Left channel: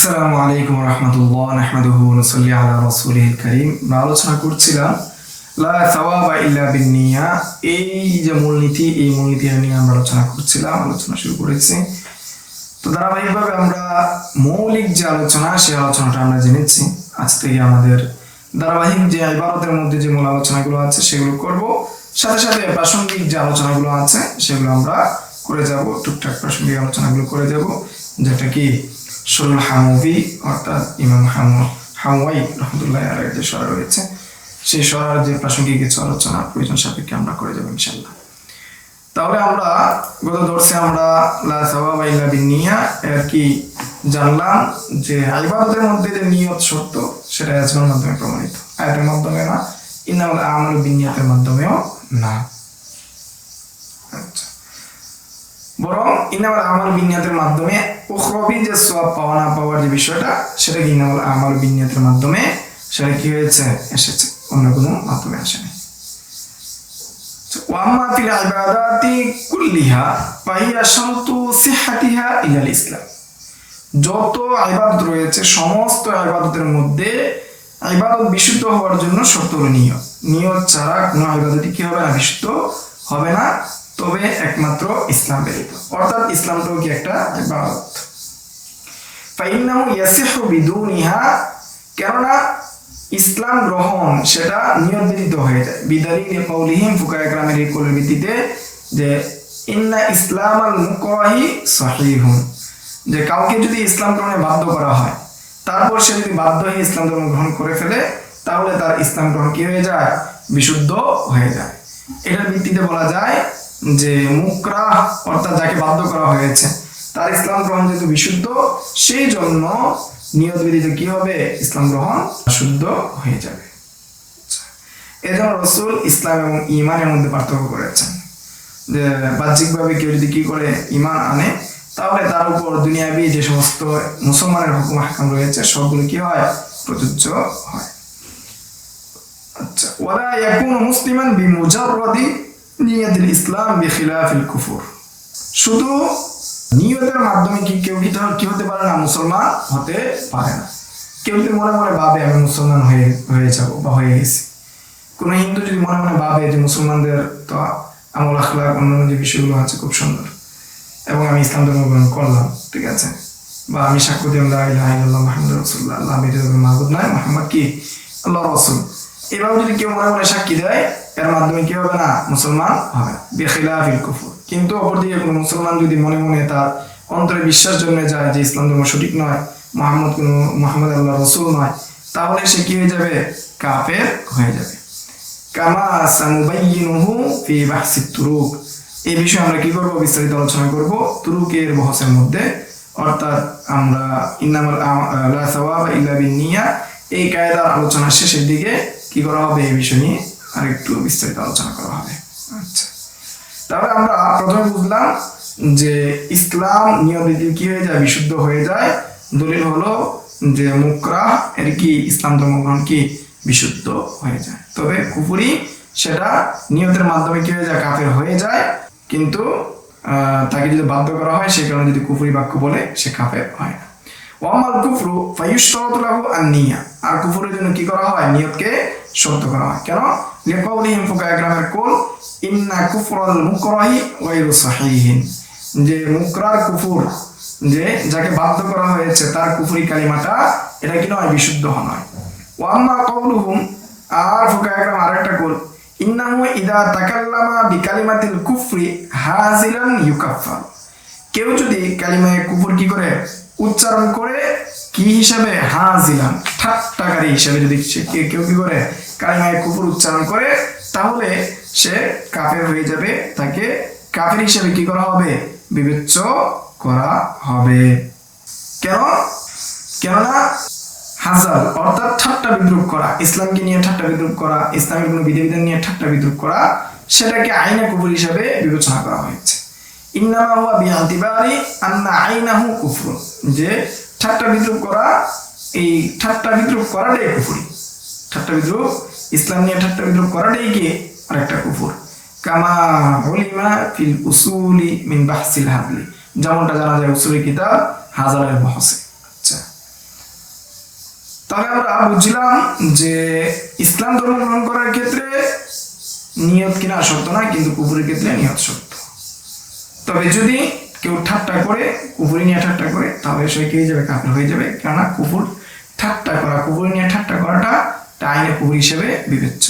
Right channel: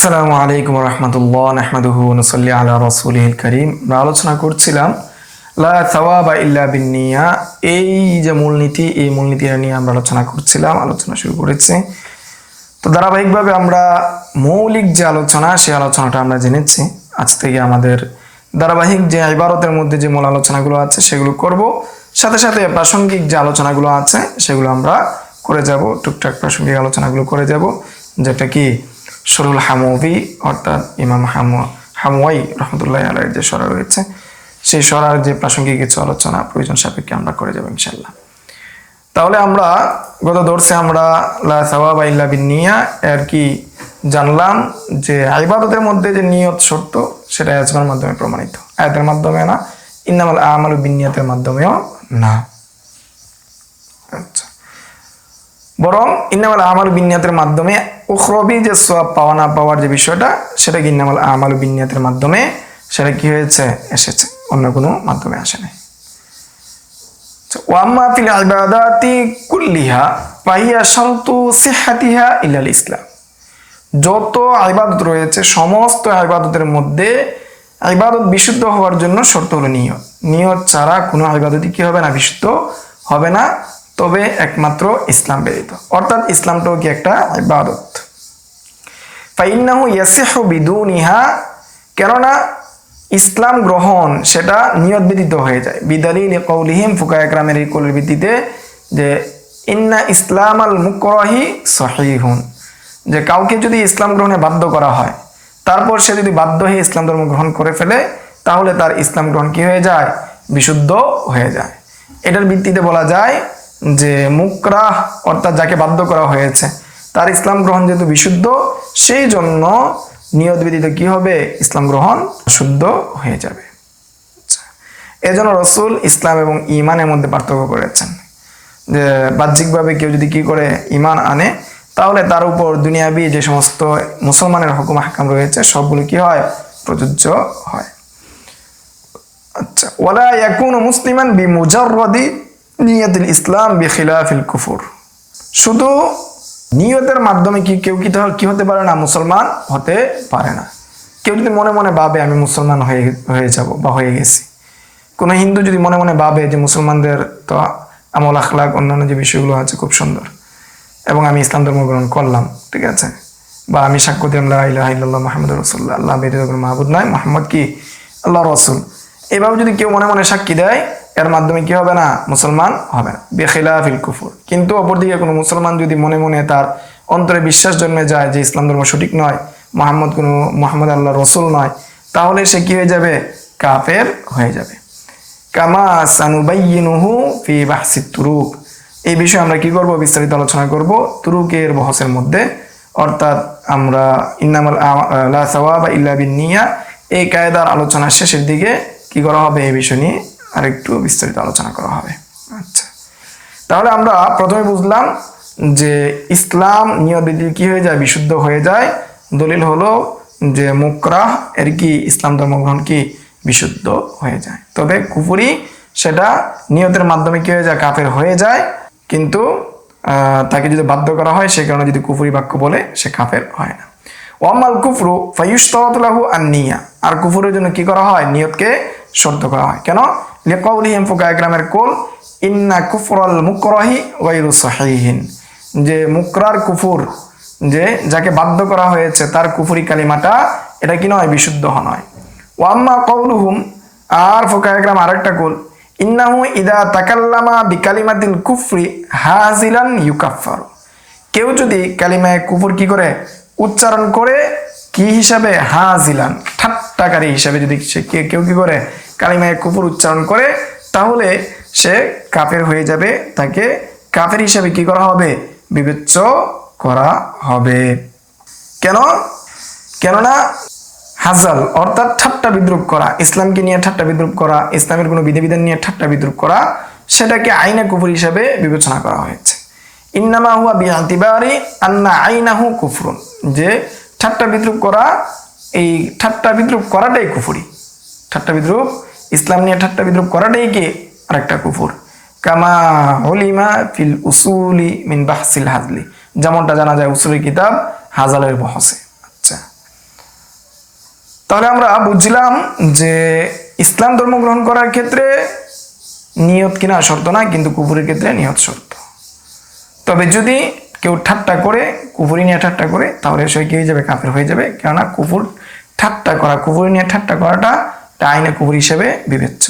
আসসালামু আলাইকুম রহমতুল্লাহ নাহমাদুহু ওয়া নুসাল্লি আলা রাসূলিল কারীম। আমরা আলোচনা করছিলাম লা সাওয়াবা ইল্লা বিন্নিয়া, এই যে মূলনীতি, এই মূলনীতি নিয়ে আমরা আলোচনা শুরু করেছি। তো ধারাবাহিকভাবে আমরা মৌলিক যে আলোচনা, সেই আলোচনাটা আমরা জেনেছি। আজ থেকে আমাদের ধারাবাহিক যে ইবাদতের মধ্যে যে মূল আলোচনাগুলো আছে সেগুলো করব, সাথে সাথে প্রাসঙ্গিক যে আলোচনাগুলো আছে সেগুলো আমরা করে যাব, টুকটাক প্রাসঙ্গিক আলোচনাগুলো করে যাব, যেটা কি শরুল হামুবি অর্থাৎ ইমাম হামওয়াই রহমতুল্লাহ আলাইহির যে সরা রয়েছে, সেই সরার যে প্রাসঙ্গিক কিছু আলোচনা প্রয়োজন সাপেক্ষে আমরা করে যাব ইনশাআল্লাহ। তাহলে আমরা গত দর্শে আমরা লা সাওয়াবা ইল্লা বিন্নিয়া এর কি জানলাম, যে ইবাদতের মধ্যে যে নিয়ত শর্ত সেটা আয়াতের মাধ্যমে প্রমাণিত, আয়াতের মাধ্যমে না, ইন্নামাল আমালু বিন্নিয়াতের মাধ্যমেও না। আচ্ছা, বরং ইন্নামাল আমালু বিন্নিয়াতের মাধ্যমে উখরবি যে সওয়াব পাওয়া না পাওয়ার যে বিষয়টা, সেটা কি ইন্নামাল আমালু বিন্নিয়াতের মাধ্যমে সেটা কি হয়েছে, এসেছে, অন্য কোনো মাধ্যমে আসেনি। ওয়া আম্মা ফিল ইবাদাতি কুল্লিহা ফাহিয়া শারতু সিহহাতিহা ইলাল ইসলাম। যত ইবাদত রয়েছে, সমস্ত ইবাদতের মধ্যে ইবাদত বিশুদ্ধ হওয়ার জন্য শর্ত হলো নিয়ত। নিয়ত ছাড়া কোনো ইবাদতই কি হবে না, বিশুদ্ধ হবে না, তবে একমাত্র ইসলাম ব্যতীত। অর্থাৎ ইসলামটাও কি একটা ইবাদত। ফাইন্নাহু ইয়াসিহু বিদুনিহা, কেননা ইসলাম গ্রহণ সেটা নিয়ত ব্যতীত হয়ে যায়। বিদালিল কওলিহিম, ফুকাহায়ে কেরামের এই কওলের ভিত্তিতে, যে ইন্না ইসলামাল মুকরাহি সহিহুন, যে কাউকে যদি ইসলাম গ্রহণে বাধ্য করা হয়, তারপর সে যদি বাধ্য হয়ে ইসলাম ধর্ম গ্রহণ করে ফেলে, তাহলে তার ইসলাম গ্রহণ কি হয়ে যায়, বিশুদ্ধ হয়ে যায়। এটার ভিত্তিতে বলা যায় যে মুকরাহ অর্থাৎ যাকে বাধ্য করা হয়েছে, তার ইসলাম গ্রহণ যেহেতু বিশুদ্ধ, সেই জন্য নিয়ত ব্যতীত কি হবে, ইসলাম গ্রহণ শুদ্ধ হয়ে যাবে। এজন্য রাসূল ইসলাম এবং ঈমানের মধ্যে পার্থক্য করেছেন, যে বাহ্যিকভাবে কেউ যদি কি করে ঈমান আনে, তাহলে তার উপর দুনিয়াবি যে সমস্ত মুসলমানের হুকুম আহকাম রয়েছে সবগুলো কি হয়, প্রযোজ্য হয়। আচ্ছা, ওয়ালা ইয়াকুনু মুসলিমান বিমুজাররাদি নিয়াতুল ইসলাম বিখিলাফিল কুফর। শুধু নিয়তের মাধ্যমে কেউ কি হতে পারে না, মুসলমান হতে পারে না। কেউ যদি মনে মনে ভাবে আমি মুসলমান হয়ে যাব বা হয়ে গেছি, কোনো হিন্দু যদি মনে মনে ভাবে যে মুসলমানদের তো আমল আখলাক অন্যান্য যে বিষয়গুলো আছে খুব সুন্দর, এবং আমি ইসলাম ধর্ম গ্রহণ করলাম, ঠিক আছে, বা আমি সাক্ষ্য দিলাম লা ইলাহা ইল্লাল্লাহ মুহাম্মাদুর রাসূলুল্লাহ, আল্লাহ ব্যতীত কোনো মাবুদ নাই, মুহাম্মদ কি আল্লাহর রাসূল, এভাবে যদি কেউ মনে মনে সাক্ষী দেয়, এর মাধ্যমে কি হবে না, মুসলমান হবে না, বিখিলাফিল কুফর। কিন্তু অপরদিকে কোনো মুসলমান যদি মনে মনে তার অন্তরে বিশ্বাস জন্মে যায় যে ইসলাম ধর্ম সঠিক নয়, মুহাম্মদ আল্লাহর রাসূল নয়, তাহলে সে কি হয়ে যাবে, কাফের হয়ে যাবে। কামা সানুবাইয়িনুহু ফি বাহসিত তুরুক, এই বিষয়ে আমরা কি করব, বিস্তারিত আলোচনা করব তুরুকের বহসের মধ্যে। অর্থাৎ আমরা ইন্নামাল লা সাওয়াবা ইল্লা বিন্নিয়া এই কায়দার আলোচনা শেষের দিকে কি করা হবে, এই বিষয় নিয়ে আরেকটু বিস্তারিত আলোচনা করা হবে। আচ্ছা, তাহলে আমরা প্রথমে বুঝলাম যে ইসলাম নিয়ত ব্যতীত কি হয়ে যায়, বিশুদ্ধ হয়ে যায়। দলিল হলো যে মুকরাহ এর কি ইসলাম ধর্মগ্রহণ কি বিশুদ্ধ হয়ে যায়, তবে কুফরি সেটা নিয়তের মাধ্যমে কি হয়ে যায়, কাফের হয়ে যায়। কিন্তু তাকে যদি বাধ্য করা হয়, সে কারণে যদি কুফরি বাক্য বলে, সে কাফের হয় না। ওয়ামাল কুফরু ফায়ুশতারাতু লাহু আন-নিয়া, আর কুফরের জন্য কি করা হয়, নিয়তকে শর্ত করা হয়। কেন, লিকাউলিহিম ফুকাহায়ে কেরামের কওল ইন্না কুফরাল মুকরাহি গায়রু সহিহিন, যে মুকরার কুফর, যে যাকে বাধ্য করা হয়েছে তার কুফরি কালিমাটা এটা কি নয়, বিশুদ্ধ নয়। ওয়াম্মা কাউলুহুম, আর ফুকাহায়ে কেরাম আরেকটা কওল, ইন্নাহু ইদা তাকাল্লামা বিকালিমাতিল কুফরি হাজিলান ইউকাফফার, কেউ যদি কালিমায়ে কুফর কি করে, উচ্চারণ করে, কি হিসাবে, হাজিলান, ঠাট্টাকারী হিসাবে যদি কেউ কি করে কালিমায়ে কুফর উচ্চারণ করে, তাহলে সে কাফের হয়ে যাবে, তাকে কাফের হিসাবে কি করা হবে, বিবেচ্য করা হবে। কেননা হাজাল অর্থাৎ ঠাট্টা বিদ্রুপ করা, ইসলামকে নিয়ে ঠাট্টা বিদ্রুপ করা, ইসলামের কোনো বিধিবিধান নিয়ে ঠাট্টা বিদ্রুপ করা, সেটাকে আইনে কুফর হিসাবে বিবেচনা করা হয়েছে। ইন্নামা হুয়া বিআতিবারি আন্না আইনাহু কুফরুন, যে ঠাট্টা বিদ্রুপ করা, এই ঠাট্টা বিদ্রুপ করাটাই কুফরি। ঠাট্টা বিদ্রুপ, ইসলাম নিয়ে ঠাট্টা বিদ্রুপ করাটাই কি আরেকটা কুফর। কামা উলিমা ফিল উসুলি মিন বাহসিল হাজলি, যেমনটা জানা যায় উসুলি কিতাব হাজালের বহসে। আচ্ছা, তাহলে আমরা বুঝলাম যে ইসলাম ধর্ম গ্রহণ করার ক্ষেত্রে নিয়ত কিনা শর্ত না, কিন্তু কুফরের ক্ষেত্রে নিয়ত শর্ত। তবে যদি কেউ ঠাট্টা করে, কুফরি নিয়ে ঠাট্টা করে, তাহলে সে কি হয়ে যাবে? কাফের হয়ে যাবে। কেননা কুফর ঠাট্টা করা, কুফরি নিয়ে ঠাট্টা করাটা আইনে কুফর হিসেবে বিবেচ্য।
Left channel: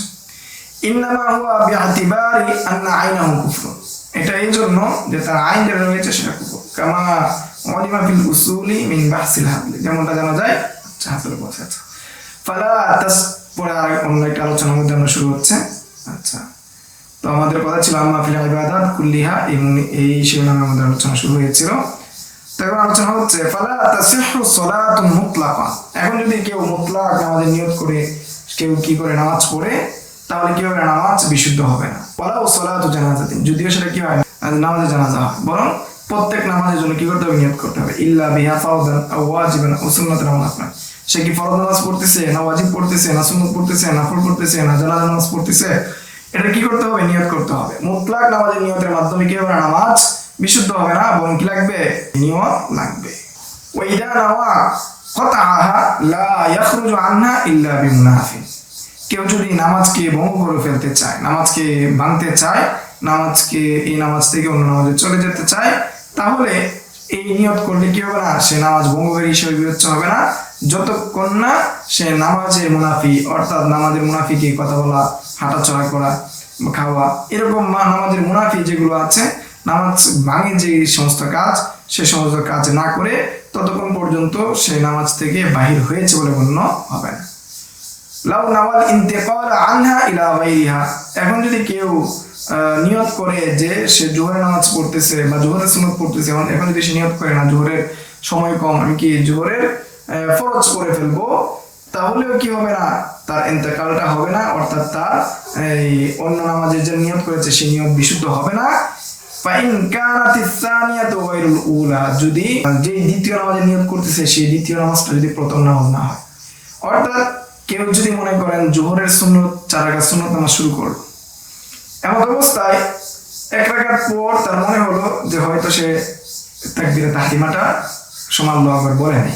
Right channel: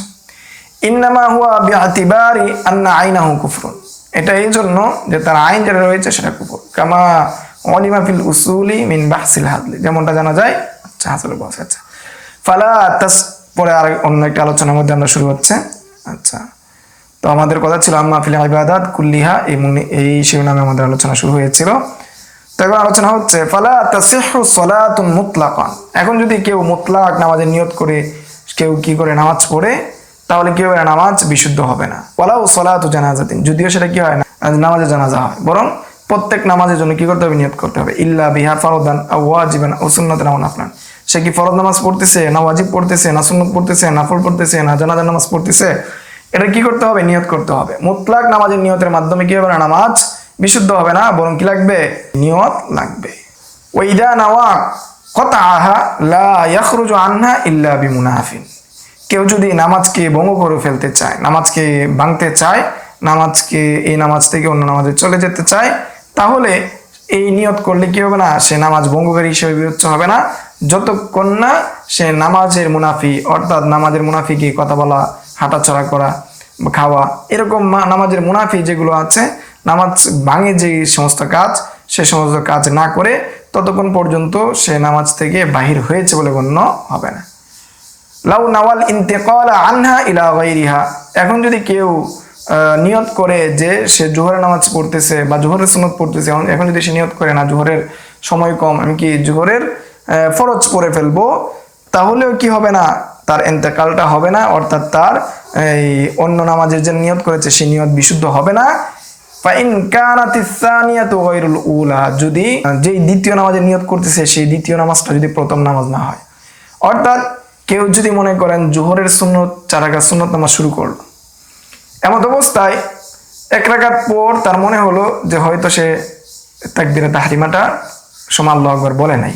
ইন্নামা হুয়া বিআতিবারি আন্না আইনাহু কুফরুন, এটা এই জন্য যে তার আইন যেটা রয়েছে সেটা কুফর। কামা উলিমা ফিল উসুলি মিন বাহসিল হাদলি, যেমনটা জানা যায়। আচ্ছা, হাসলে বসে আছে ফালা তাস, পরে আর অন্য একটা আলোচনার মধ্যে আমরা শুরু হচ্ছে। আচ্ছা, তো আমাদের কথা ছিল আম্মা ফিল ইবাদাত কুল্লিহা, এই শিরোনামে আমাদের আলোচনা শুরু হয়েছিল। তো এখন আলোচনা হচ্ছে ফালা তাসিহু সালাতুন মুতলাকা। এখন যদি কেউ মুতলাক নামাজের নিয়ত করে কেউ কি করে নামাজ পড়ে, তাহলে কি হবে? নামাজ বিশুদ্ধ হবে না। ওয়ালাউ সালাতু জানাজাতিন, যদিও সেটা কি হয় না নামাজে জানাজা হয়, বরং প্রত্যেক নামাজের জন্য কি করতে হবে? নিয়ত করতে হবে। ইল্লা বিহা ফারদান আও ওয়াজিবান আও সুন্নাতান আও নাফলান, সে কি ফরজ নামাজ পড়তেছে না ওয়াজিব পড়তেছে না সুন্নাত পড়তেছে নাফল পড়তেছে না জানাজা নামাজ পড়তেছে, এটা কি করতে হবে? নিয়ত করতে হবে। মুতলাক নামাজের নিয়তের মাধ্যমে কি হবে না? নামাজ বিশুদ্ধ হবে না, বরং কি লাগবে? নিয়ত লাগবে। ওয়াইদা নাওয়া কতআহা লা ইয়াখরুজু আনহা ইল্লা বিমুনাফিন, কেউ যদি নামাজকে ভঙ্গ করে ফেলতে চায়, নামাজকে ভাঙতে চায়, নামাজকে এই নামাজ থেকে অন্য নামাজে চলে যেতে চায়, তাহলে এই নিয়ত করলে কি হবে না? সে নামাজ ভঙ্গকারী হিসেবে বিবেচ্য হবে না, যতক্ষণ না সে নামাজের মুনাফি, অর্থাৎ নামাজের মুনাফিকে কথা বলা, হাঁটাচলা করা, খাওয়া, এরকম নামাজের মুনাফি যেগুলো আছে, নামাজ ভাঙে যে সমস্ত কাজ, সে সমস্ত কাজ না করে ততক্ষণ পর্যন্ত সে নামাজ থেকে বাহির হয়েছে বলে গণ্য হবে না। লাউ নাওয়াল ইন্তেকাল আনহা ইলা গায়রিহা, এখন যদি কেউ নিয়ত করে যে সে জোহরের নামাজ পড়তেছে বা জোহরের সুন্নত পড়তেছে, এখন যদি সে নিয়ত করে না জোহরের সময় কম, আমি কি জোহরের ফরজ করে ফেলবো, তাহলেও কি হবে না? তার ইন্তেকালটা হবে না, অর্থাৎ তার এই অন্য নামাজের যে নিয়ত করেছে সেই নিয়ত বিশুদ্ধ হবে না। ফাইন কানাতিস সানিয়াতু গায়রুল উলা, যদি যেই দ্বিতীয় নামাজের নিয়ত করতেছে সেই দ্বিতীয় নামাজটা যদি প্রথম নামাজ না হয়, অর্থাৎ কেউ যদি মনে করেন জোহরের সুন্নত 4 রাকাত সুন্নত নামাজ শুরু করলো, এমন অবস্থায় 1 রাকাত পর তার মনে হলো যে হয়তো সে তাকবীরে তাহরিমাটা সময় আল্লাহু আকবার বলে নাই,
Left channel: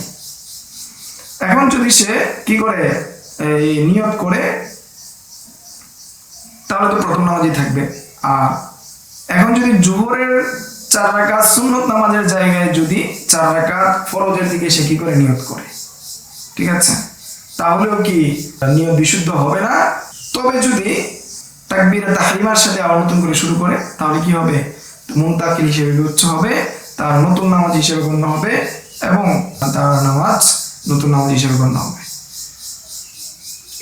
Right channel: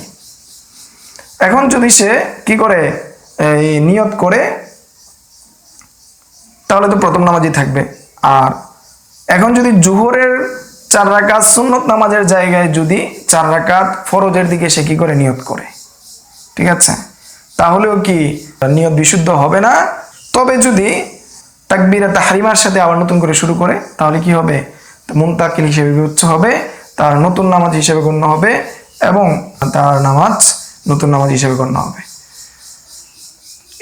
এখন যদি সে কি করে এই নিয়ত করে, তাহলে তো প্রথম নামাজই থাকবে। আর এখন যদি জোহরের 4 রাকাত সুন্নত নামাজের জায়গায় যদি 4 রাকাত ফরজের দিকে সে কি করে নিয়ত করে, ঠিক আছে, তাহলেও কি নিয়ত বিশুদ্ধ হবে না। তবে যদি তাকবীরে তাহরিমার সাথে আবার নতুন করে শুরু করে, তাহলে কি হবে? মুনতাকিল হিসেবে বিবেচ্য হবে, তার নতুন নামাজ হিসেবে গণ্য হবে, এবং তার নামাজ নতুন নামাজ হিসেবে গণ্য হবে।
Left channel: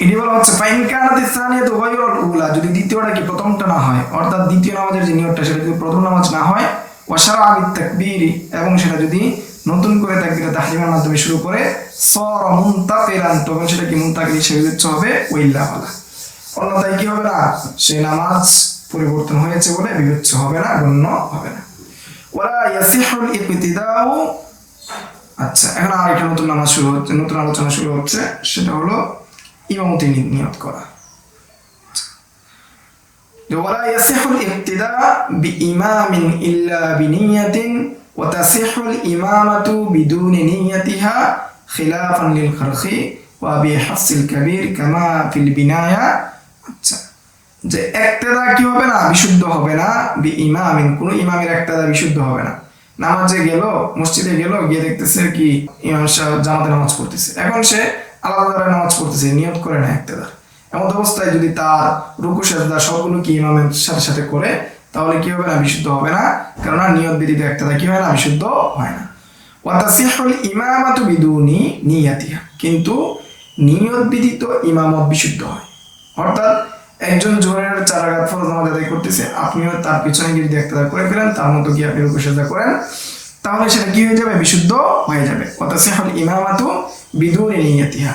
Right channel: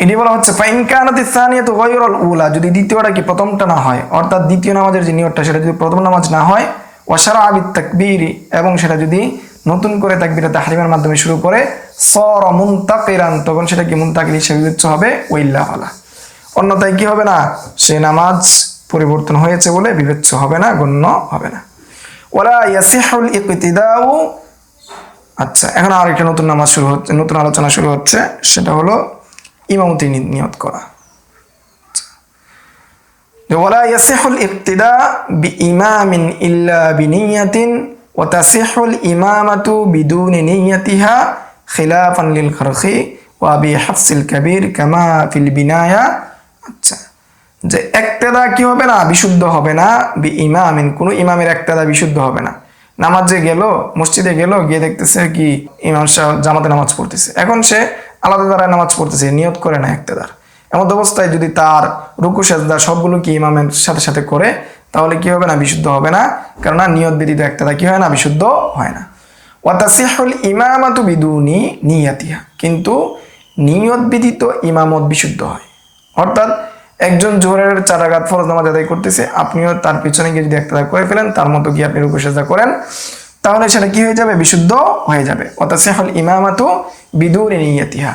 এটি বলা হচ্ছে ফাইন কানাতিস সানিয়াতু গায়রুল উলা, যদি দ্বিতীয়টা কি প্রথমটা না হয়, অর্থাৎ দ্বিতীয় নামাজের যে নিয়তটা সেটা যদি প্রথম নামাজ না হয়, ওয়া শারআ বিত তাকবীরি, এবং সেটা যদি নতুন করে তাকবীরে তাহরিমার মাধ্যমে শুরু করে, সারা মুনতাকিরান, তখন সেটা কি মুনতাকিল হিসেবে বিবেচ্য হবে। ওইল্লা ওয়ালা, অন্যথায় কি হবে না? সে নামাজ পরিবর্তন হয়েছে বলে বিবেচ্য হবে না, গণ্য হবে না। ওয়ালা ইয়াসিহুল ইকতিদাউ, আচ্ছা, এখন আরেকটা নতুন নামাজ শুরু হচ্ছে, নতুন আলোচনা শুরু হচ্ছে, সেটা হলো ইমামতি নিয়ত করা। ওয়ালা ইয়াসিহুল ইকতিদা বিইমামিন ইল্লা বিনিয়াতিন ওয়া তাসিহুল ইমামাতু বিদুনি নিয়াতিহা খিলাফান লিল খারখি ওয়া বিহাফসিল কাবীর কামা ফিল বিনায়া। আচ্ছা, যে ইকতিদা কি হবে না? বিশুদ্ধ হবে না। বিইমামিন, কোন ইমামের ইকতিদা বিশুদ্ধ হবে না। নামাজে গেল, মসজিদে গেল, গিয়ে দেখতেছে কি ইমাম সাহেব জামাতে নামাজ পড়তেছে, এখন সে আলাদা দ্বারা নামাজ পড়তেছে, নিয়ত করে না ইকতিদার। এমন অবস্থায় যদি তার রুকু সেজদা সবগুলো কি ইমামের সাথে সাথে করে, তাহলে কি হবে না? বিশুদ্ধ হবে না, কেননা নিয়ত ব্যতীত ইকতিদা কি হয় না? বিশুদ্ধ হয় না। ওয়া তাসিহুল ইমামাতু বিদুনি নিয়াতিহা, কিন্তু নিয়ত ব্যতীত ইমামত বিশুদ্ধ হয়। অর্থাৎ একজন জোহরের 4 রাকাত ফরজ নামাজ আদায় করতেছে, আপনিও তার পিছনে গিয়ে যদি ইকতিদা করে ফেলেন, তার মতো গিয়ে আপনি রুকু সেজদা করেন, তাহলে সেটা কি হয়ে যাবে? বিশুদ্ধ হয়ে যাবে। ওয়া তাসিহুল ইমামাতু বিদুনি নিয়াতিহা,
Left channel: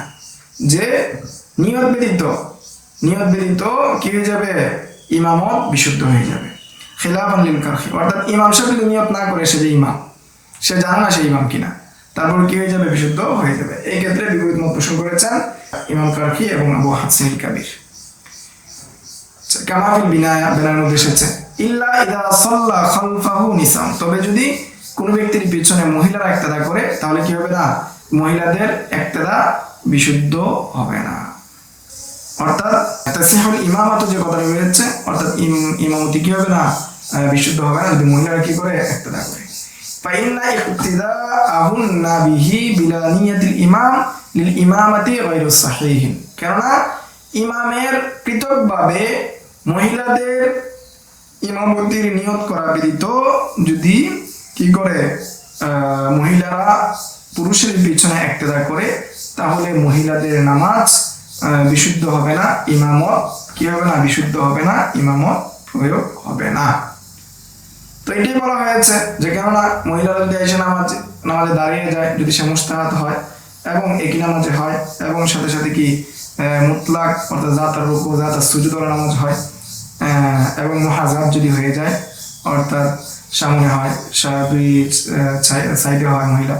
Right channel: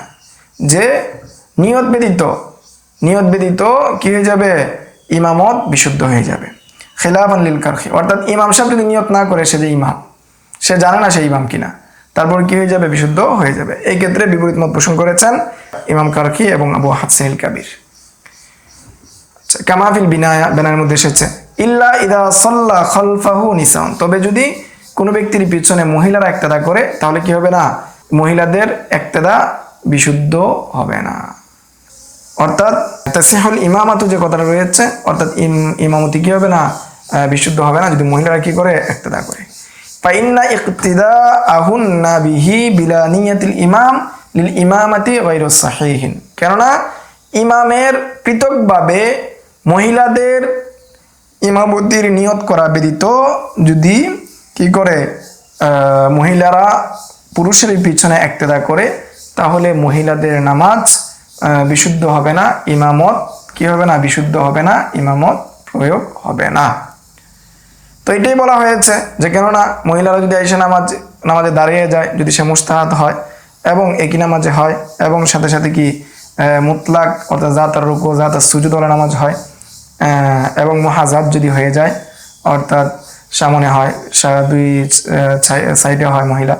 যে নিয়ত ব্যতীত কি হয়ে যাবে? ইমামত বিশুদ্ধ হয়ে যাবে। খিলাফান লিল কারখি, অর্থাৎ ইমাম সাহেব যদি নিয়ত না করে, সে যে ইমাম, সে জানে না সে ইমাম কিনা, তারপর কি হয়ে যাবে? বিশুদ্ধ হয়ে যাবে। এই ক্ষেত্রে বিপরীত মত পোষণ করেছেন ইমাম কারখি এবং আবু হাসিল কাবির। আচ্ছা, কামা ফিল বিনায়া, বিনায়ের মধ্যে এসেছে ইল্লা ইদা সাল্লা খালফাহু নিসান, তবে যদি কোনো ব্যক্তির পিছনে মহিলারা ইকতিদা করে, তাহলে কি হবে না? মহিলাদের ইকতিদা বিশুদ্ধ হবে না। অর্থাৎ তাসিহুল ইমামাতু যে কথাটা রয়েছে, অর্থাৎ ইমামতি কি হবে না, বিশুদ্ধ হবে না যদি মহিলারা কি করে ইক্তেদা করে। ফাইন্না ইক্তিদাআহুন্না বিহি বিলা নিয়াতিল ইমাম লিল ইমামাতি গায়রু সাহিহিন, কেননা ইমামের পৃথকভাবে মহিলাদের ইমামতির নিয়ত করা ব্যতীত যদি কি করে মহিলারা পুরুষের পিছনে ইক্তেদা করে, তাহলে মহিলাদের নামাজ বিশুদ্ধ হবে না, ইমামত কি হবে না, বিশুদ্ধ হবে না, ইমামত প্রয়োগ হবে না। তো এটাই বলা হয়েছে যে কেননা মহিলারা যদি এসে নামাজে দাঁড়িয়ে যায়, যদি সে মুস্তাহাত হয় এবং একই নামাজে হয় এবং সাথে সাথে কি মুতলাক অর্থাৎ জাতার রুকু জাতার সুজুদ ওয়ালা নামাজ হয় এবং মুহাজাত যদি হয়ে যায়, অর্থাৎ সামনে হয় দুই সাইডে হয় মহিলা,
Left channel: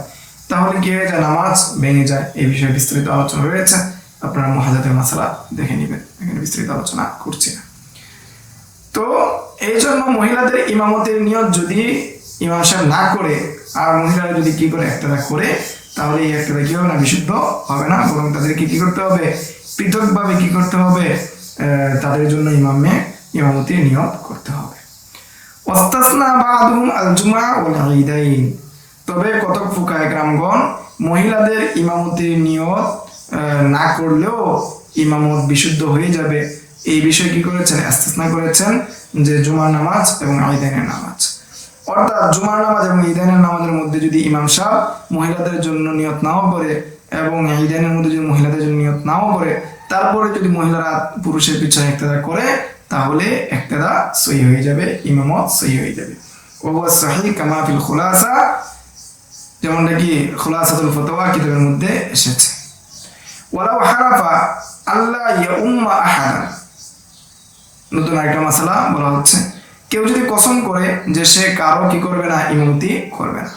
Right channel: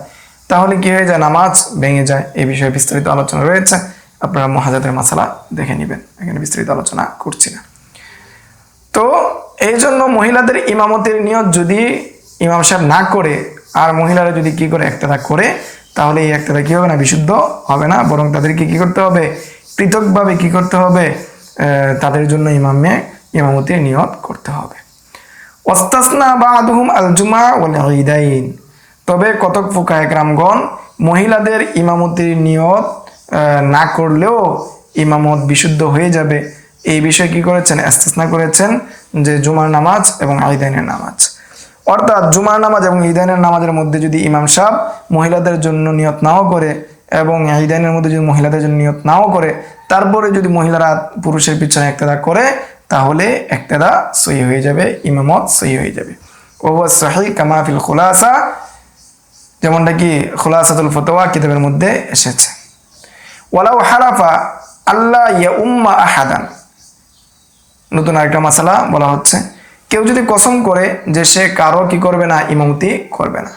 তাহলে কি হয়ে যায়, নামাজ ভেঙে যায়। এই বিষয়ে বিস্তারিত আলোচনা রয়েছে, আপনারা মুহাজাতের মাসালা দেখে নেবেন, এখানে বিস্তারিত আলোচনা করছি না। তো এই জন্য মহিলাদের ইমামতের নিয়ত যদি ইমাম সাহেব না করে আর মহিলারা যদি কি করে ইক্তেদা করে, তাহলে এই ইক্তেদা কি হবে না, বিশুদ্ধ হবে না, বরং তাদেরকে কি করতে হবে, পৃথকভাবে কি করতে হবে, তাদের জন্য ইমামতির নিয়ত করতে হবে। ওয়াস্তাসনা বা'দুহুম আল জুমা ওয়াল ঈদাইন, তবে কতক ফুকাহে কেরামগণ মহিলাদের ইমামতির নিয়ত না করলেও ইমামত বিশুদ্ধ হয়ে যাবে, এই বিষয়ে কি করেছেন, ইস্তিসনা করেছেন যে জুমার নামাজ এবং ঈদাইনের নামাজ। অর্থাৎ জুমার নামাজ এবং ঈদাইনের নামাজের মধ্যে যদি ইমাম সাহেব মহিলাদের জন্য নিয়ত নাও করে এবং ঈদাইনের মধ্যে যদি মহিলাদের জন্য নিয়ত নাও করে, তারপরে যদি মহিলারা পুরুষের পিছনে ইক্তেদা করে, তাহলে ইক্তেদা সহি হয়ে যাবে, ইমামত সহি হয়ে যাবে। ওয়া সহিহ কামা ফিল খুলাসা, যেমনটা কি খুলাসাতুল ফতোয়া কিতাবের মধ্যে এসেছে। ওয়ালাউ হালাফা আল্লাহ ইয়াউম্মা আহাদান, নতুন আরেকটা মাসালা বলা হচ্ছে, কেউ যদি কসম করে যে সে কারো কি করবে না, ইমামতি করবে না,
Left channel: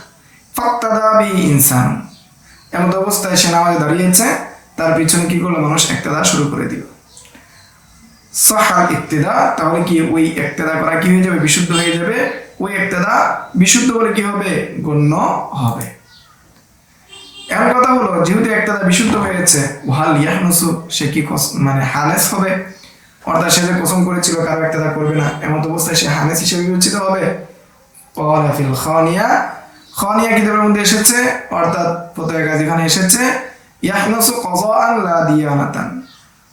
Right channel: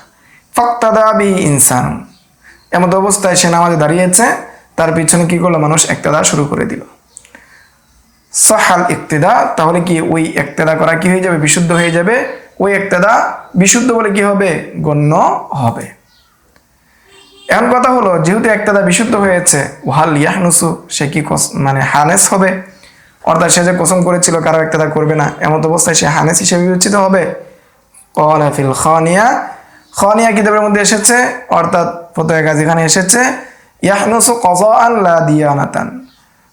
ফাক্তাদা বি ইনসান, এমত অবস্থায় সে নামাজে দাঁড়িয়েছে, তার পিছনে কি করলো, মানুষ ইক্তেদা শুরু করে দিল, সাহাল ইক্তেদা, তাহলে কি ওই ইক্তেদা করা কি হয়ে যাবে, বিশুদ্ধ হয়ে যাবে, ওই ইক্তেদা বিশুদ্ধ বলে কি হবে, গণ্য হবে। এমন কথা হলো, যেহেতু ইক্তেদা বিশুদ্ধ হয়েছে, ওয়াল ইয়াহনুসু, সে কি মানে হানেস হবে, অর্থাৎ সে যে কসম করেছিল কারো ইক্তেদা করবে না, এমন অবস্থায় সে হানেস হিসেবে বিবেচিত হবে। ক্বালা ফিল খানিয়া, খানিয়া কিতাবের মধ্যে এসেছে, অর্থাৎ ফতোয়া কাজীখানে এসেছে, ইয়াহনুসু কাযাআন লা দিয়ানাতান,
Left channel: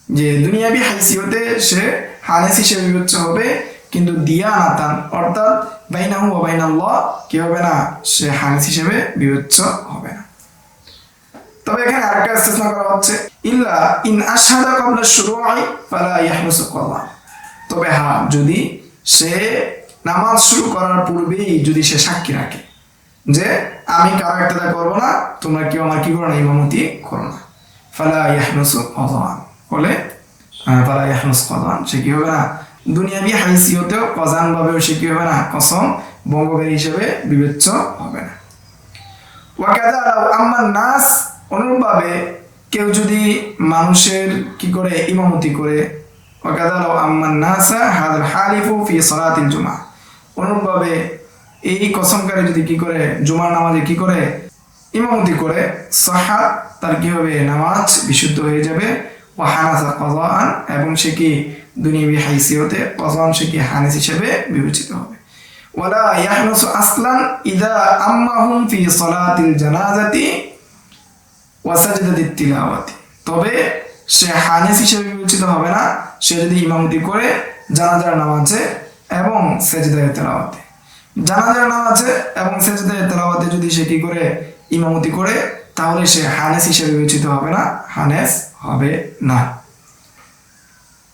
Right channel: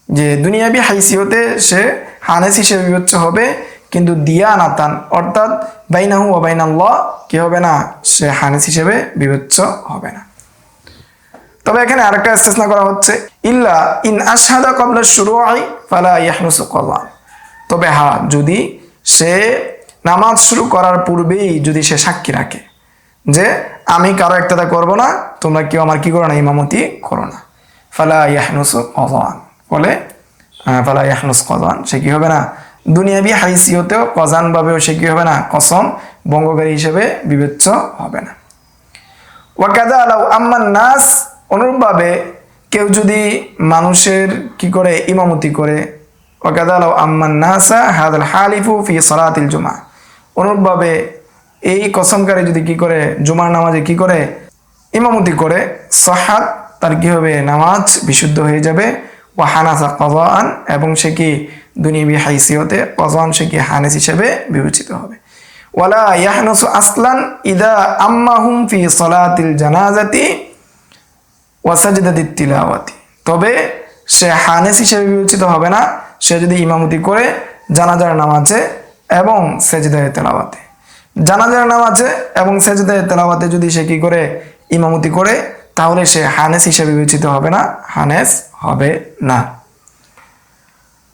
যে দুনিয়াবি হাইসিয়তে সে হানেস হিসেবে বিবেচ্য হবে, কিন্তু দিয়ানাতান অর্থাৎ বাইনাহু ওয়া বাইনাল্লাহ কি হবে না, সে হানেস হিসেবে বিবেচ্য হবে না। তবে এখানে আরেকটা ইস্তিসনা করা হচ্ছে, ইল্লা ইন আশহাদা ক্বাবলা শুরুই ফালা ইয়াহনুসু ক্বাযা, তবে হ্যাঁ, যদি সে নামাজ শুরু করার পূর্বেই যদি সে সাক্ষী রাখে যে আমি কারো ইক্তেদা করব না, তোমরা কেউ আমার কি করো না, ইমামতি করো না, ফালা ইয়াহনুসু ক্বাযা বলে, ফালা ইয়াহনুস ক্বাযা, সে কি হবে না, দুনিয়াবি হাইসিয়তেও কজান ভাবেও সে কি হবে না, কসম ভঙ্গকারী হিসেবে বিবেচ্য হবে না। ওয়াকাদা লাউ আম্মান নাস, অনুরূপভাবে কেউ যদি মানুষের কি করে, ইমামতি করে, ওয়াকাদা লাউ আম্মান নাসা হাযাল হালিফু ফি সালাতিল জুমআ, অনুরূপভাবে এই কসমকারী যদি কি করে, জুমার নামাজে কি করে, ইমামতি করে, সাহাত, তার কি হবে, নামাজ বিশুদ্ধ হয়ে যাবে। ওয়া হানাসা ক্বাযাআন, এবং সে কি দুনিয়াবি হাইসিয়তে ক্বাযাআন, সে কি হানেস হিসেবে বিবেচিত হবে। ওয়ালা ইয়াহনুসু আসলান ইদা আম্মাহুম ফি সালাতিল জানাজাতি ওয়া সাজদাতিত তিলাওয়াতি, তবে সে হানেস হিসেবে বিবেচিত হবে না সে যদি ইমামতি করে জানাজার নামাজে এবং সেজদায়ে তেলাওয়াতে, জানাজার নামাজে এবং সেজদায়ে তেলাওয়াতে যদি সে কি করে, ইমামতি করে, তাহলে সে হানেস হিসেবে বিবেচিত হবে না, হানেস হবে না।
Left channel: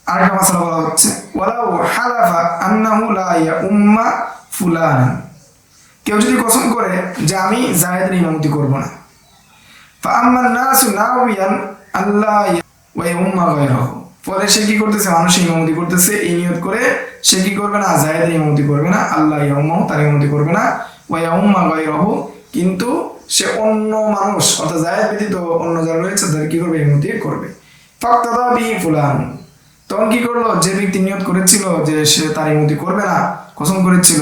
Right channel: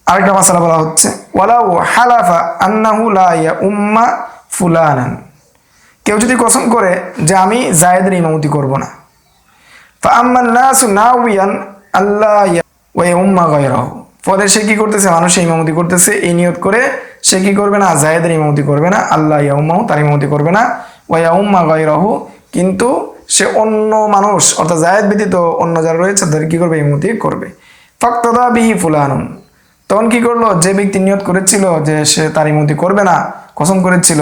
আরেকটা মাসালা বলা হচ্ছে, ওয়ালাউ হালাফা আন্নাহু লা ইয়াউম্মা ফুলানান, কেউ যদি কসম করে যে আমি জায়েদের ইমামতি করব না, ফা আম্মান নাসু নাওয়ান আল্লাহ ওয়া ইয়াউম্মা গায়রাহু, ফলে সে কি করতেছে, মানুষে ইমামতি করতেছে, এই নিয়ত করে সে কি করবে না, জায়েদের ইমামতি করবে না, আল্লাহ ইয়াউম্মাহু, তার ইমামতি করবে না, ওয়া ইয়াউম্মা গায়রাহু, কিন্তু সে অন্য মানুষ অর্থাৎ জায়েদ ব্যতীত অন্য যারা রয়েছে তাদের কি করবে, ইমামতি করবে। ফাক্তাদা বিহি ফুলানুন, তখন কি করলো, যে ব্যক্তি নিয়ত করেছিল যে সে তার ইমামতি করবে না, কসম করেছিল,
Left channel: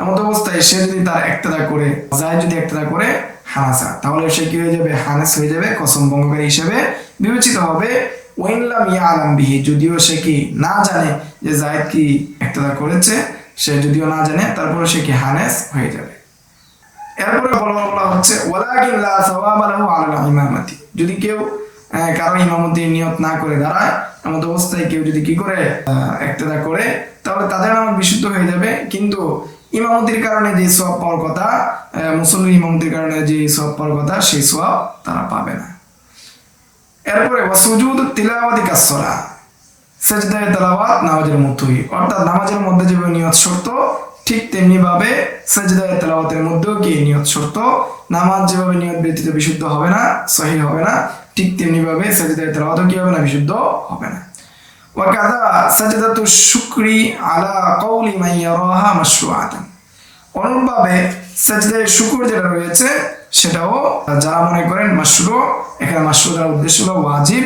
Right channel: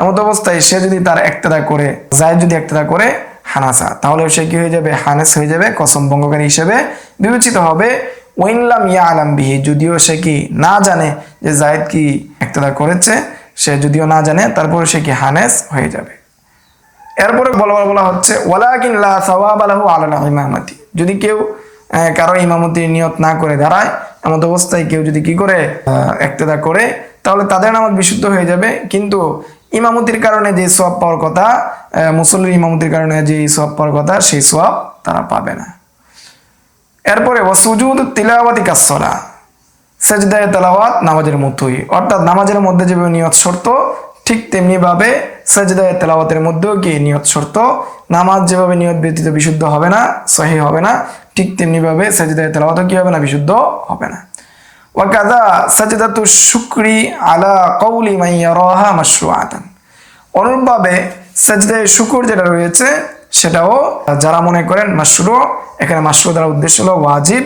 এমন অবস্থায় সে যদি তার ইক্তেদা করে, জায়েদ যদি ইক্তেদা করে, হানাসা, তাহলে সে কি হয়ে যাবে? হানেস হয়ে যাবে, কসম ভঙ্গকারী হিসেবে বিবেচিত হবে। ওয়াইন লাম ইয়ালাম বিহি, যদিও সে কি না জানে যে জায়েদ কি ইক্তদা করেছে, সে যদিও না জানে তারপরে সে কি হানেস হয়ে যাবে। এরপরে বলা হচ্ছে ওয়ালাকিন লা সাওয়াবা লাহু আলা ইমামাতি, যদি কেউ কারো ইমামতির নিয়ত না করে দাঁড়ায়, এমন অবস্থায় কেউ যদি কি করে ইক্তদা করে, তাহলে তাদের নামাজ বিশুদ্ধ হয়ে যাবে, কিন্তু ইমামতির কারণে যে সওয়াব পাওয়ার কথা, মুসল্লির ইমামতির কারণে যে সওয়াব পাওয়ার কথা, সেই সওয়াব তারা পাবে না। এরপরে সুজুদ তিলাওয়াতি কাসসালাহ, সেজদায়ে তেলাওয়াত নামাজের মতোই, অর্থাৎ নামাজের মধ্যে যেভাবে নিয়ত শর্ত, ঠিক তেমনি ভাবে সেজদায়ে তেলাওয়াতের মধ্যেও কি নিয়ত শর্ত। নামাজ যেভাবে নিয়ত ব্যতীত বিশুদ্ধ হবে না, সহিহ হবে না, ঠিক তেমনি ভাবে সেজদায়ে তেলাওয়াতও কি হবে না? বিশুদ্ধ হবে না। ওয়াকাযা সাজদাতু শুকরি আলা কওলি মান ইয়ারাহা মাশরুআতান, অনুরূপভাবে সাজদায়ে শুকর যেটা রয়েছে সেটাও যারা মনে করেন মাশরু, এখানে মাশরু দ্বারা উদ্দেশ্য হলো ওয়াজিব,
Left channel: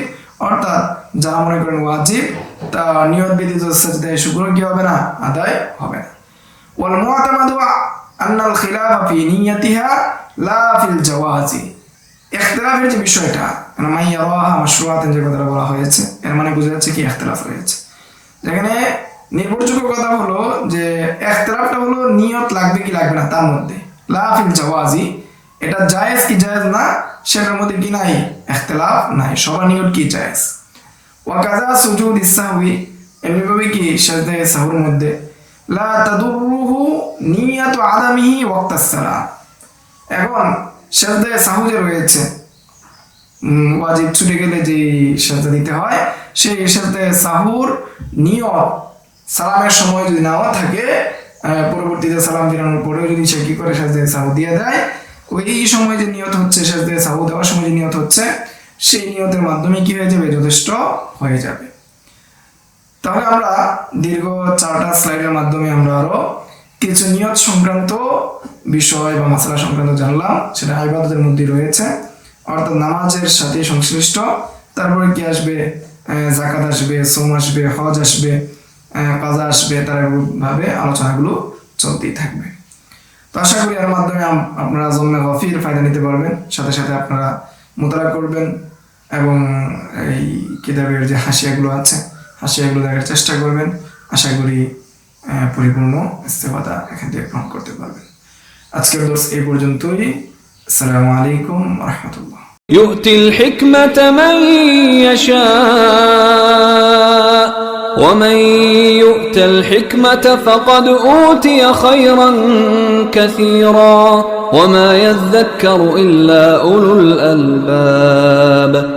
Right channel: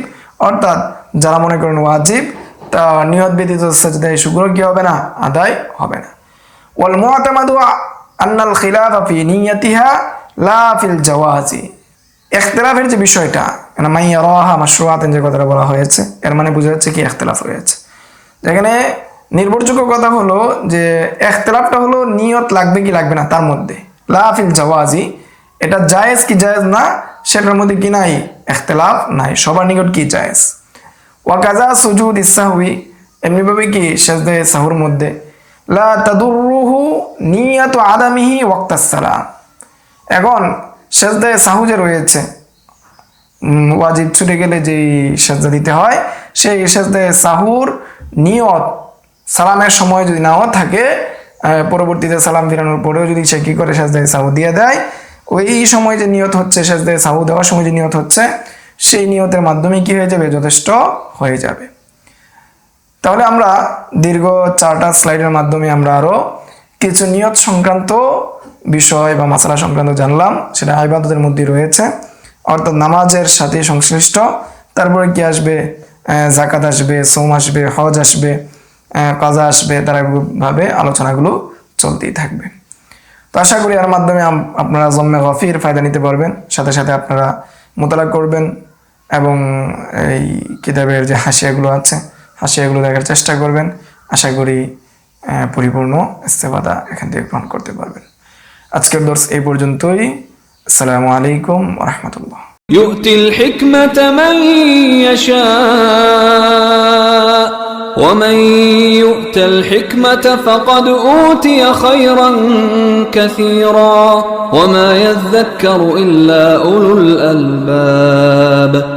অর্থাৎ যারা মনে করেন ওয়াজিব, তা নিয়ত ব্যতীত সাজদায়ে শুকর কি হবে না? আদায় হবে না। ওয়াল মুআতামাদু আন্নাল খিলাফা ফি নিয়াতিহা লা ফিল জাওয়াজি, ইখতিলাফের যে বিষয়টা, মানে মান ইয়ারাহা মাশরুআতান যে কথাটা বলা হয়েছে, এর মানে বোঝা যাচ্ছে কি ইখতিলাফ হয়েছে। এখানে নির্ভরযোগ্য কথা হলো যে ইখতিলাফটা হলো নিয়ত লাগবে কি লাগবে না তার মধ্যে, লা ফিল জাওয়াজি, এটা জায়েজ কি জায়েজ না সেটার মধ্যে কি নাই? ইখতিলাফ নাই, সবার নিকট কি জায়েজ। ওয়াকাযা সুজুদ ইসসাহবি, এমনিভাবে কি সাজদায়ে সাহুর মধ্যে লা তাদুররুহু নিয়াতু আদামিহি ওয়াক্তাস সালাম, এখন সাজদায়ে সাহু যে রয়েছে, ওয়াজিব ছুটে গেলে যেই সাজদা দিতে হয়, সেই সাজদায়ে সাহুর নিয়ত সালামের সময় যদি নাও থাকে, পরবর্তীতে সালাম ফিরানোর পরেও যদি সে কি করে সাজদায়ে সাহু দিয়ে দেয়, ওই সময় যে নিয়ত হচ্ছে, সাজদায়ে সাহু দেওয়ার সময় যে নিয়ত হচ্ছে, সেই নিয়তের মাধ্যমে কি হয়ে যাবে? যথেষ্ট হয়ে যাবে। তাহলে আমরা দীর্ঘ 4টা স্লাইডের মাধ্যমে আমরা আরো কিছু নিয়ত সংক্রান্ত বিষয় বা মাসালা সংক্রান্ত জানলাম, সেটা ইবাদতের মধ্যে রয়েছে, অর্থাৎ নামাজের সাথে সংশ্লিষ্ট। তারপরে কি আসবে? যাকাত আসবে, সোম আসবে, হজ আসবে, কাজা আসবে, তার ভাবে আলোচনাগুলো চলতেই থাকবে। তো আশা করি এর মাধ্যমে আপনারা জম্মে গফির ফায়দা নিতে পারবেন, সাথে সাথে আপনারা মোতালা করবেন এবং এই কিতাবের যে হাসিয়াগুলো আছে, হাসিয়াগুলো দেখার চেষ্টা করবেন। আশা করি পরিপূর্ণ ইস্তেফাদা এখান থেকে গ্রহণ করতে পারবেন। আজকের দর্স এই পর্যন্তই। আসসালামু আলাইকুম ওয়া রাহমাতুল্লাহ। يؤتي الحكمة من يشاء ومن يؤت الحكمة فقد أوتي خيرا كثيرا وما يذكر إلا أولو الألباب.